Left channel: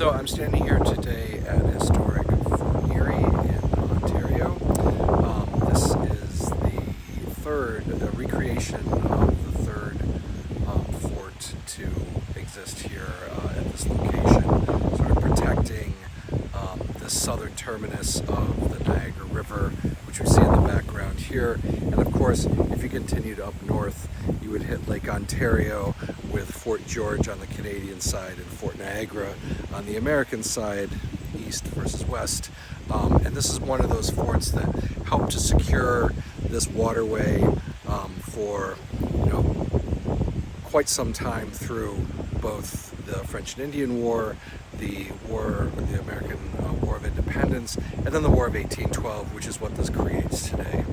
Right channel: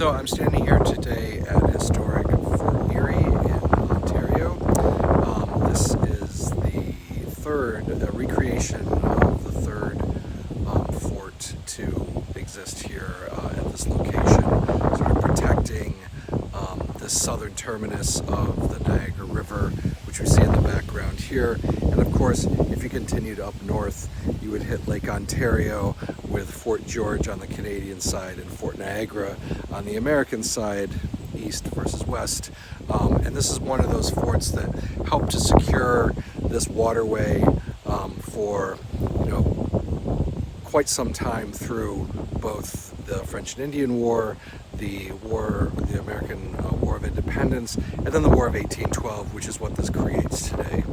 So I'm standing here today at historic Fort Erie in Ontario. This is the third recreation of the third fort to exist here at this location, sort of protecting the southern terminus of the Niagara River, which we see in the background here. And of course, if you continued up north, you would hit Lake Ontario with Fort George on the Canadian side and Fort Niagara on the American side, east versus west. And this is one of those forts that helped to secure this waterway for, quite some time through both the French and Indian War, the American War of Independence, and then the War of 1812, which is what this creates today.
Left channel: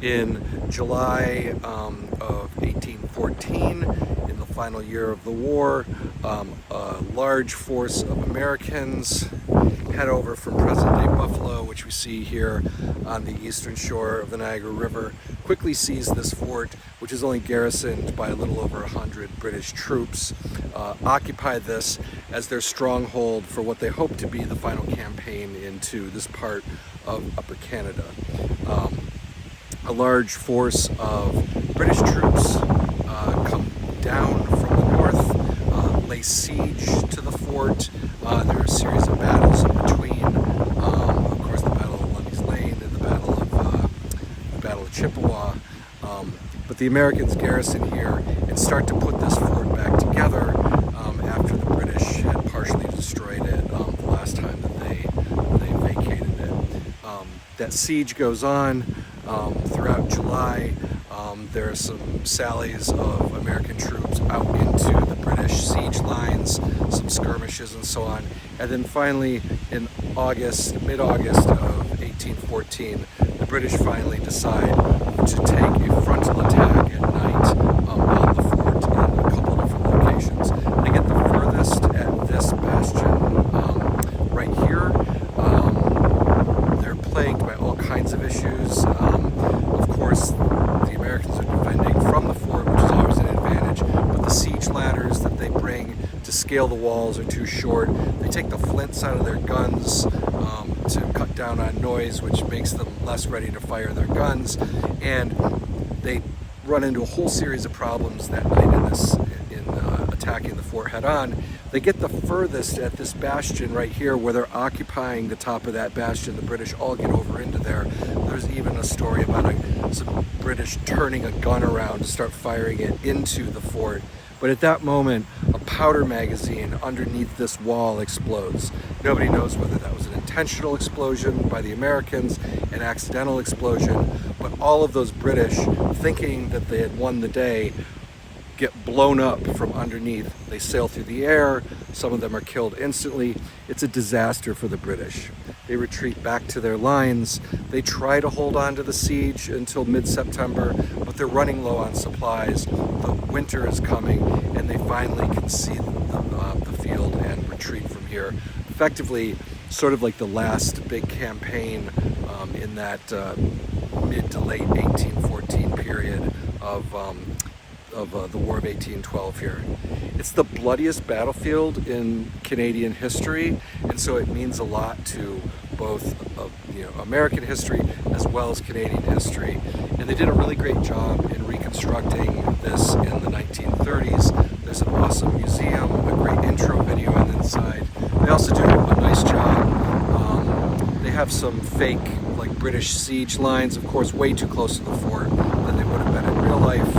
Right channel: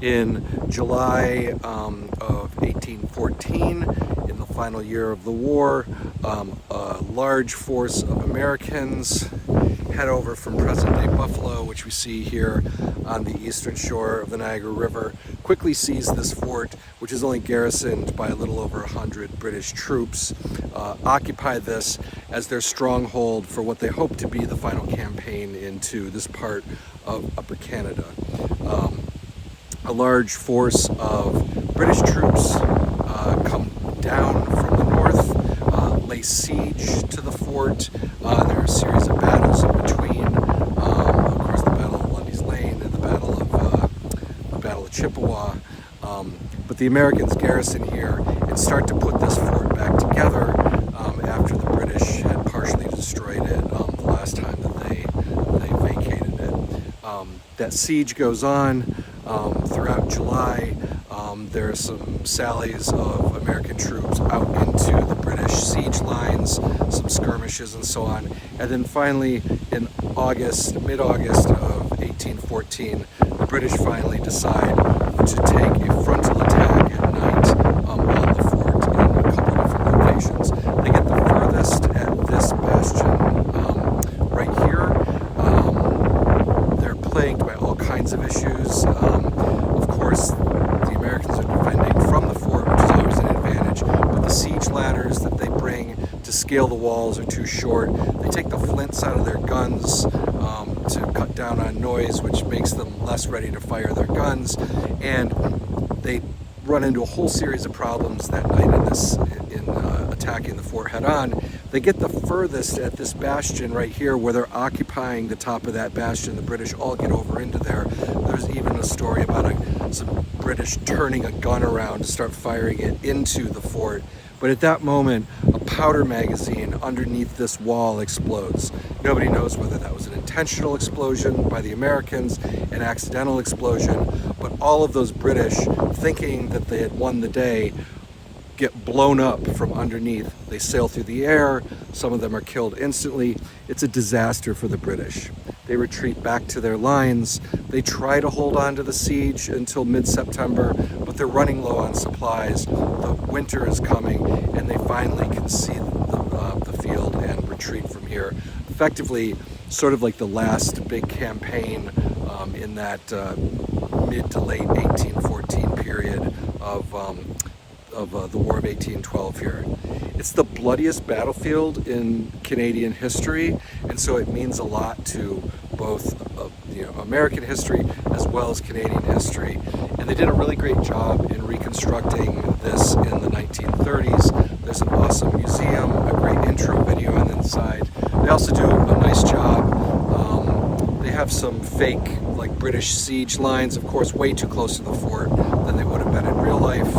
In July of 1814, in the final year of the war, a large force of Americans head over from present-day Buffalo, which we see here on the eastern shore of the Niagara River, quickly seize this fort, which is only garrisoned by a little over 100 British troops, occupy this as their stronghold for what they hope to be the final campaign into this part of Upper Canada. A large force of British troops come down from the north, lay siege to the fort. There are a series of battles in between, of course the Battle of Lundy's Lane and the Battle of Chippewa. But the Americans garrison here and start to put this fort back together after the British had partially destroyed it the last time that they vacated it. That siege goes on throughout July. There are some sallies of American troops out into the British siege lines, some skirmishes and so on. And then finally in mid-August of 1814, the British finally decide to take a frontal attack at night on the fort in a couple different locations. They get the furthest at this bastion right here. They're plagued by all kinds of issues. Of course, the Americans are defending from the fort, which is always an advantage, but the siege ladders that they bring to scale the walls are too short. They take the flints out of their guns to cut down on noise, which makes them less ready to fire their guns, and they run into a whole series of problems that night in attacking the fort head on. They get the furthest at this bastion right here, where they're occupying the top of that bastion. The British all get over into there. There's even a story about some British turning a gun around to start firing it into the fort. But at that moment, a powder magazine underneath this wall explodes. Nobody knows whether that was an intentional explosion by the Americans, an accidental explosion, but all of those British, thinking that they had won the day, get blown up from underneath. They sail through the air. Some of them are killed instantly. It's a disaster for the British. They retreat back to their lines. They try to hold on to the siege until mid-September, but they're running low on supplies. The winter is coming, and they finally concede the field and retreat from here. Effectively, sort of like the last big campaign in that mid to late 1814 period of the War of 1812 here. It's the bloodiest battlefield in Canadian history, and so it means a lot to both American history as well as Canadian history. And they did a really great job in reconstructing this in the 1930s. There's an awesome museum, a great intro video on the inside. They also do a nice job. They have some fake, British siege lines, of course, way too close to the fort than they would have been in real life.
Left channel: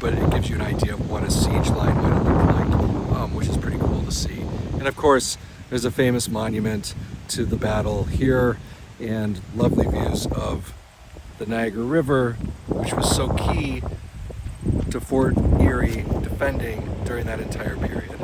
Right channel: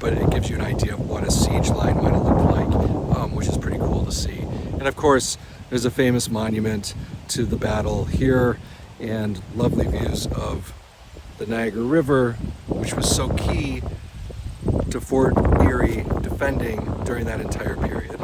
But it gives you an idea of what a siege line might have looked like, which is pretty cool to see. And of course, there's a famous monument to the battle here and lovely views of the Niagara River, which was so key to Fort Erie defending during that entire period.